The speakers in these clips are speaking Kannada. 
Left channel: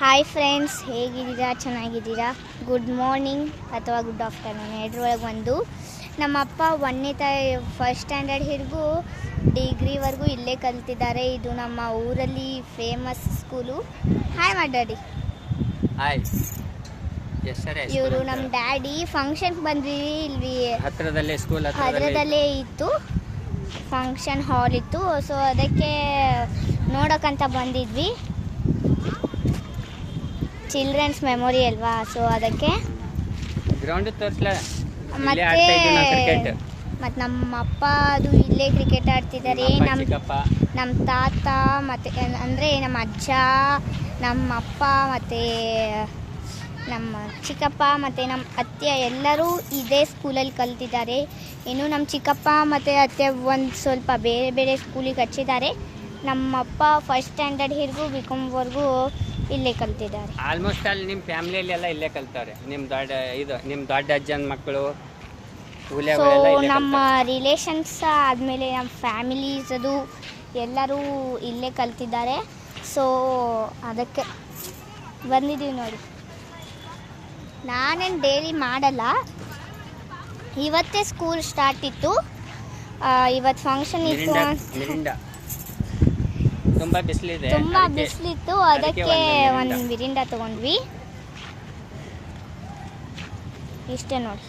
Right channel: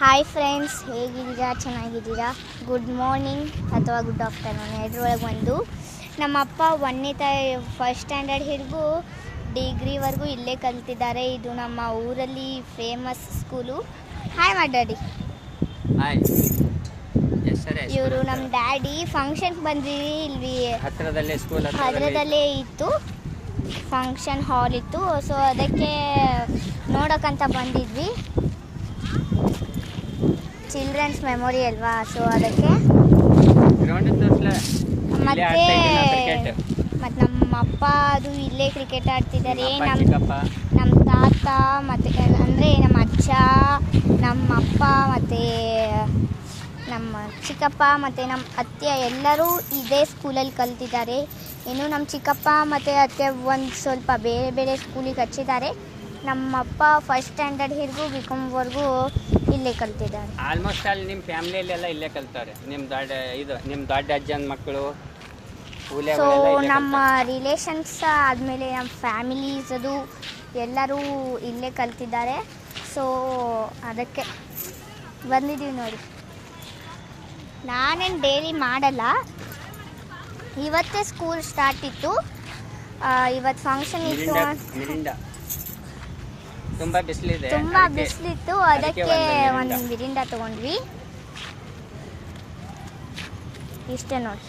ಹಾಯ್ ಫ್ರೆಂಡ್ಸ್, ಹೇಗಿದ್ದೀರಾ? ಚೆನ್ನಾಗಿದ್ದೀರಾ? ಗುಡ್ ಮಾರ್ನಿಂಗ್ ಅಥವಾ ಗುಡ್ ಆಫ್ಟರ್ನೂನ್ ಎರಡರೊಳಗೆ ಒಂದು. ನಮ್ಮಪ್ಪ ಫಸ್ಟ್ ಸ್ಟ್ಯಾಂಡರ್ಡ್ ಹಿಡಿದು ಡಿಗ್ರಿವರೆಗೂ ಇಲ್ಲೇ ಕಲ್ತಿದ್ದಾರೆ. ಇದು ನಮ್ಮ ಊರಲ್ಲಿ ಫೇಮಸ್ ಸ್ಕೂಲು. ಹಾಯ್ ಮಾಡ್ಯಾಡಿ. ಇವರು ನಮ್ಮ ಡ್ಯಾಡಿ. ಫಂಕ್ಷನ್ಗೆ ಬಂದ್ವಿ. ಇಲ್ಲಿ ಹತ್ರದಲ್ಲೇ ಇತ್ತು, ಫಂಕ್ಷನ್ ಹಾಲ್ ಇತ್ತು. ಸೊ ಅದಕ್ಕೆ ನೋಡೋಕ್ಕಂತ ಬಂದಿದ್ವಿ. ಚಿಲ್ಡ್ರನ್ಸ್ ಮೆಮೊರಿ ಅಲ್ವಾ, ಸೊ ಅದಕ್ಕೆ. ಮತ್ತೆ ನಮ್ಮ ಅಪ್ಪ ಅದು ಇಲ್ಲೇ ಕ್ರಿಕೆಟ್ ಆಡ್ತಿದ್ದಾರೆ. ನಮ್ಮ ತಾತ ಮತ್ತು ಅಂದರೆ ನಮ್ಮ ಅಜ್ಜ, ನಮ್ಮ ಅಪ್ಪ ಮತ್ತು ನಮ್ಮ ಚಿಕ್ಕಪ್ಪ ಮತ್ತು ನಮ್ಮ ಅತ್ತೆ ಎಲ್ಲರೂ ಇದೇ ಸ್ಕೂಲಲ್ಲಿ ಕಲ್ತಿದ್ದಾರೆ. ಇನ್ನು ನಮ್ಮ ಚಿಕ್ಕಪ್ಪ ಮತ್ತು ಅತ್ತೆ ಒಂದು ಸ್ವಲ್ಪ ಬೇರೆ ಬೇರೆ ಸ್ಕೂಲಿಗೆ ಹಚ್ಚಿದ್ದಾರೆ. ನಮ್ಮಪ್ಪ ಫಸ್ಟ್ ಸ್ಟ್ಯಾಂಡರ್ಡ್ ಹಿಡಿದು ಬಿಕಾಮ್ವರೆಗೂ ಇಲ್ಲೇ ಕಲ್ತಿದ್ದಾರೆ. ಆಲ್ಮೋಸ್ಟ್ ಅಲ್ಲಿ ನಿಮ್ಮ ಫ್ಯಾಮಿಲಿಯಲ್ಲಿ ಎಲ್ಲ ಇಲ್ಲೇ ಕಲ್ತಾರೆ. ನಿಮ್ಮ ದೊಡ್ಡ ಅಜ್ಜನ ಮಕ್ಕಳು. ಸೊ ನಮ್ಮ ರಿಲೇಷನ್ಸ್ ಆದಮೇಲೆ ನಮ್ಮ ಫ್ಯಾಮಿಲೀಸ್ ಅದು ಎಲ್ಲರೂ ಇಲ್ಲೇ ಕಲ್ತಿದ್ದಾರೆ. ಸೊ ಅದಕ್ಕೆ ಬಂದಿದ್ದೀವಿ ನೋಡಿ. ನಾನೇನು ಡೈಲಿ ಮಾಡಲ್ಲ, ಇವತ್ತೇ ಸ್ಕೂಲ್ ಸ್ಟಾರ್ಟ್ ಇತ್ತು. ಇವತ್ತು ಫಂಕ್ಷನ್ ಇತ್ತು, ತುಂಬ ಬಿಸಿಲಿತ್ತು. ಅದಕ್ಕೆ ಒಂದು ಮಿರಿಂಡ ತಗೊಂಡ್ವಿ. ಇಷ್ಟೇ ನೋಡಿ.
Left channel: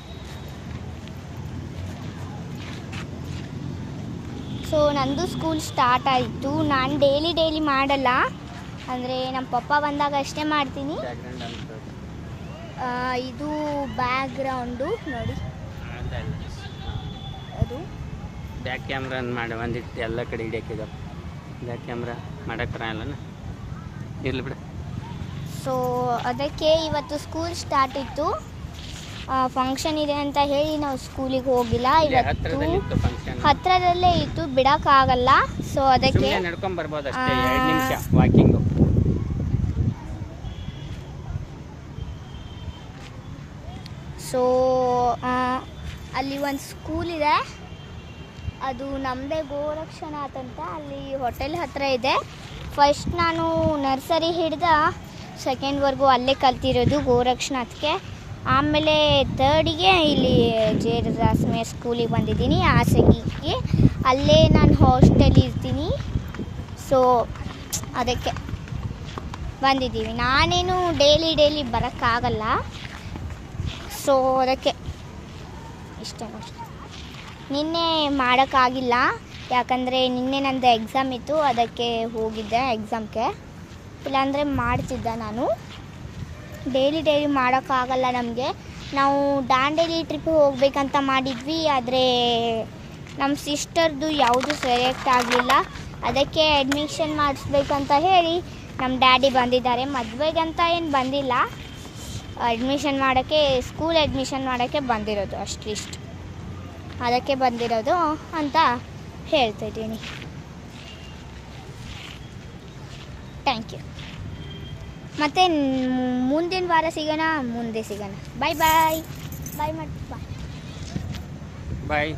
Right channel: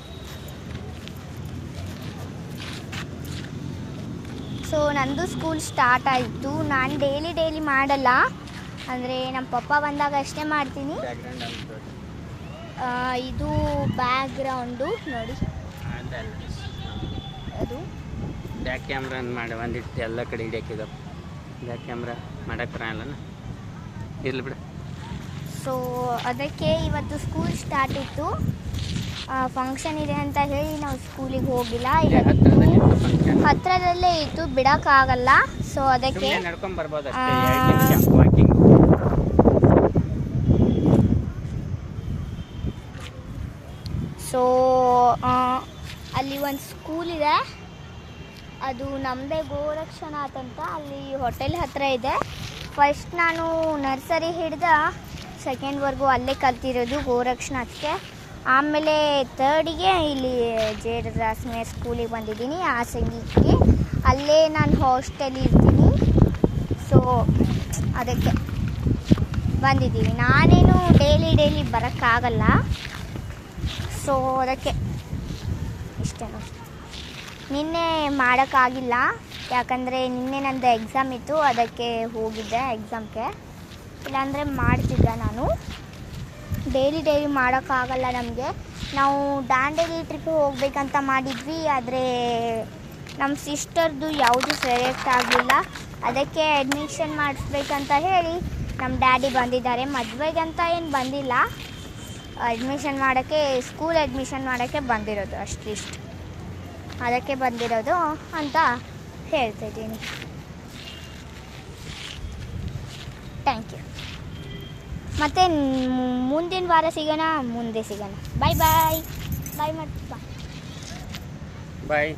ಸೊ ನಂದು ಸ್ಕೂಲ್ ಸ್ಟಾರ್ಟ್ ಆಯಿತು. ನಾನು ಡೈಲಿ ಮಾಡಲ್ಲ, ಅಂದರೆ ನಮ್ಮ ಪಪ್ಪ ಬಂದಾಗ ಅಷ್ಟೇ ಮಾಡ್ತೀನಿ. ಇದು ಬ್ಯಾಕ್ಗ್ರೌಂಡು ನೋಡಿ. ಅದು ಬ್ಯಾಕ್ ಕ್ಯಾಮ್ರಾ ಮಾಡಿ ಒಂದಿಟ್ಟು ಎಲ್ಲ ಕಡೆ ಹಿಡಿಯೋಕ್ಕಿದೆ. ಬ್ಯಾಕ್ ಕ್ಯಾಮ್ರಾ ಮಾಡೋಕ್ಕಾಗಲ್ಲ, ಇರಲಿ ಬಿಡು. ಸೊ ಅದಕ್ಕೆ ಇವತ್ತು ಸ್ಕೂಲ್ ಸ್ಟಾರ್ಟ್ ಇತ್ತು. ಫಂಕ್ಷನ್ ಇದೆ ಅಂತ ಹೇಳಿ ನಾವು ಸ್ಕೂಲಿಗೆ ಹೋಗಿಲ್ಲ. ಇವತ್ತು ಹತ್ತಿರದಲ್ಲೇ ಇತ್ತು, ಬಿಡೋಕ್ಕಾಗಲ್ಲ. ಸೊ ಅದಕ್ಕೆ ನಡ್ಕೊಂಡ್ಬರ್ಬೋದು. ಸೊ ಅಲ್ಲಿ ಒಂದು ಸ್ಕೂಲ್ ಇದೆ, ಅದು ನಮ್ಮದೇ ಗೋರಕ್ಷನಾಥ್ ಅಂತ. ಅಲ್ಲಿ ಹೋಟೆಲ್ ಹತ್ತಿರ ಇದೆ. ಫಸ್ಟ್ ನಾನು ನರ್ಸರಿ ಹಿಡ್ದು ಸೆಕೆಂಡ್ವರೆಗೂ ಅಲ್ಲೇ ಕಲ್ತಿರೋದು ಗೋರಕ್ಷನಾಥ್ಗೆ. ಆಮೇಲೆ ಥರ್ಡಿಗೆ ಇಲ್ಲಿ ಜೇಡದಾಸ್ಮೆ ಸ್ಕೂಲಿಗೆ ಬಂದಿದ್ದೀನಿ, ಆಸಗಿಗೆ. ಅಲ್ಲೇ ನಾನು ಹಾಸ್ಟೆಲ್ ಇರ್ತೀನಿ. ಸೊ ಅದಕ್ಕೆ ಬಂದಿದ್ದೀವಿ. ನಾನೇನು ಡೈಲಿ ಬರೋಕ್ಕಾಗಲ್ಲ. ಸೊ ಅದಕ್ಕೆ ಇಷ್ಟ ನೋಡಿ. ನಿನ್ನೆ ಮಾಡೋಕ್ಕಾಗಿಲ್ಲ, ಯಾಕಂದರೆ ನಿನ್ನೆ ನಂದು ಎಕ್ಸಾಮ್ ಇತ್ತು, ಅದಕ್ಕೆ ಹೋಗಿದ್ದೆ ಎಕ್ಸಾಮ್ಗೆ. ಇಲ್ಲಾಂದರೆ ಮಾಡ್ತಿದ್ದೆ ನಾನು. ಡೈಲಿ ಮಾಡೋಕ್ಕಾಗಲ್ಲ ನಮಗೆ. ನಾವು ದಾಂಡೇಲಿ ಟ್ರಿಪ್ಪಿಗೆ ಹೋಗ್ಬೇಕಂತ ಮಾಡಿದ್ವಿ, ಆದರೆ ನಮ್ಮ ಸಿಸ್ಟರ್ದು ಯಾವುದು ಸೆಲೆಕ್ಟ್ ಆಗಲಿಲ್ಲ. ಅದಕ್ಕೆ ಅಡ್ಮಿಷನ್ ಮಾಡಿಸ್ಬೇಕಂತ ಹೇಳಿ ನಮ್ಮ ಡ್ಯಾಡಿ ಬಂದಿದ್ದಾರೆ. ಮದುವೆಗಂತ ಏನು ಬಂದಿಲ್ಲ, ಅಡ್ಮಿಷನ್ ಮಾಡೋಕ್ಕೆ, ಸ್ಕೂಲ್ ಅಡ್ಮಿಷನ್ ಮಾಡೋಕ್ಕೆ ಬಂದಿರೋದು ಅಷ್ಟಿಷ್ಟು. ಅದಕ್ಕೆ ಬಂದಿರೋದು ಅಂತ ಹೇಳ್ತಿದ್ದೀನಿ. Thank you. ಮತ್ತು ಮುಂದಿನ ವಾರ ಸಿಗೋಣ. ಬಾಯ್ ಬಾಯ್. ಬಾಯ್ ಮತ್ತು ಬಾಯ್.